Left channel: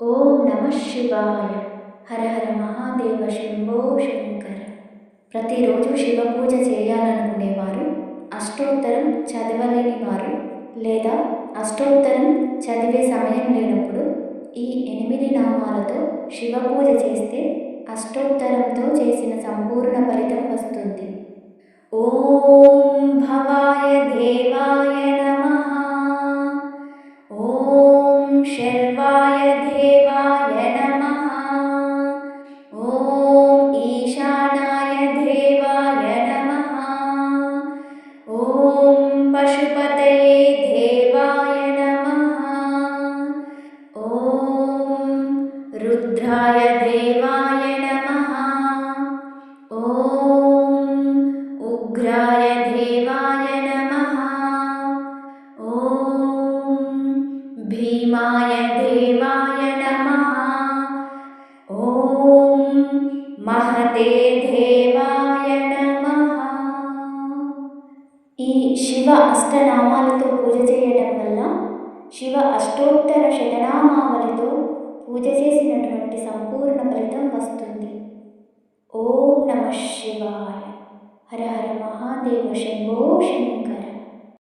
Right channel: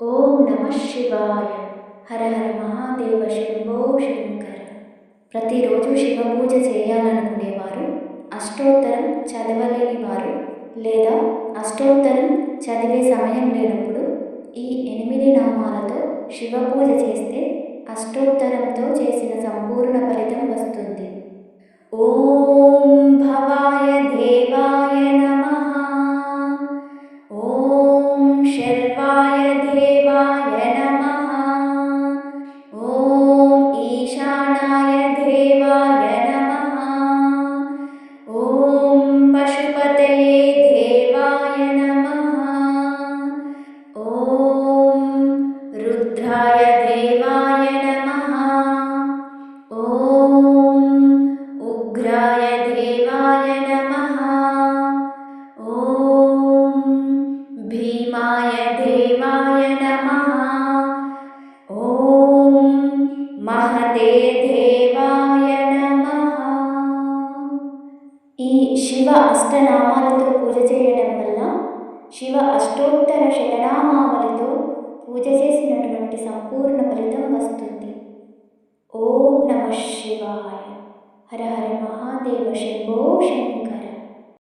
ఓం నమ శివాయ. హర హర మహాదేవ శంభో శంకర. ప్రతిరోజు శివ పూజ చేయాలనుకునేవారు, అష్టోత్తరం చదవలేని వారు లేదా అష్టోత్తరం చదివే సమయం లేనప్పుడు ఈ 8 నామాలతో శివ పూజ చేస్తే అష్టోత్తరంతో చేసిన సంపూర్ణ ఫలితం వస్తుంది. ఓం భవాయ దేవాయ నమః. ఓం శర్వాయ దేవాయ నమః. ఓం ఈశానాయ దేవాయ నమః. ఓం పశుపతయే దేవాయ నమః. ఓం రుద్రాయ దేవాయ నమః. ఓం ఉగ్రాయ దేవాయ నమః. ఓం భీమాయ దేవాయ నమః. ఓం మహతే దేవాయ నమః. ఈ శివ అష్టనామాలతో పూజ చేయడం వల్ల శివ అష్టోత్తర శతనామావళితో పూజ చేసినటువంటి సంపూర్ణ ఫలితం వస్తుంది. ఓం నమ శివాయ. హర హర మహాదేవ శంభో శంకర.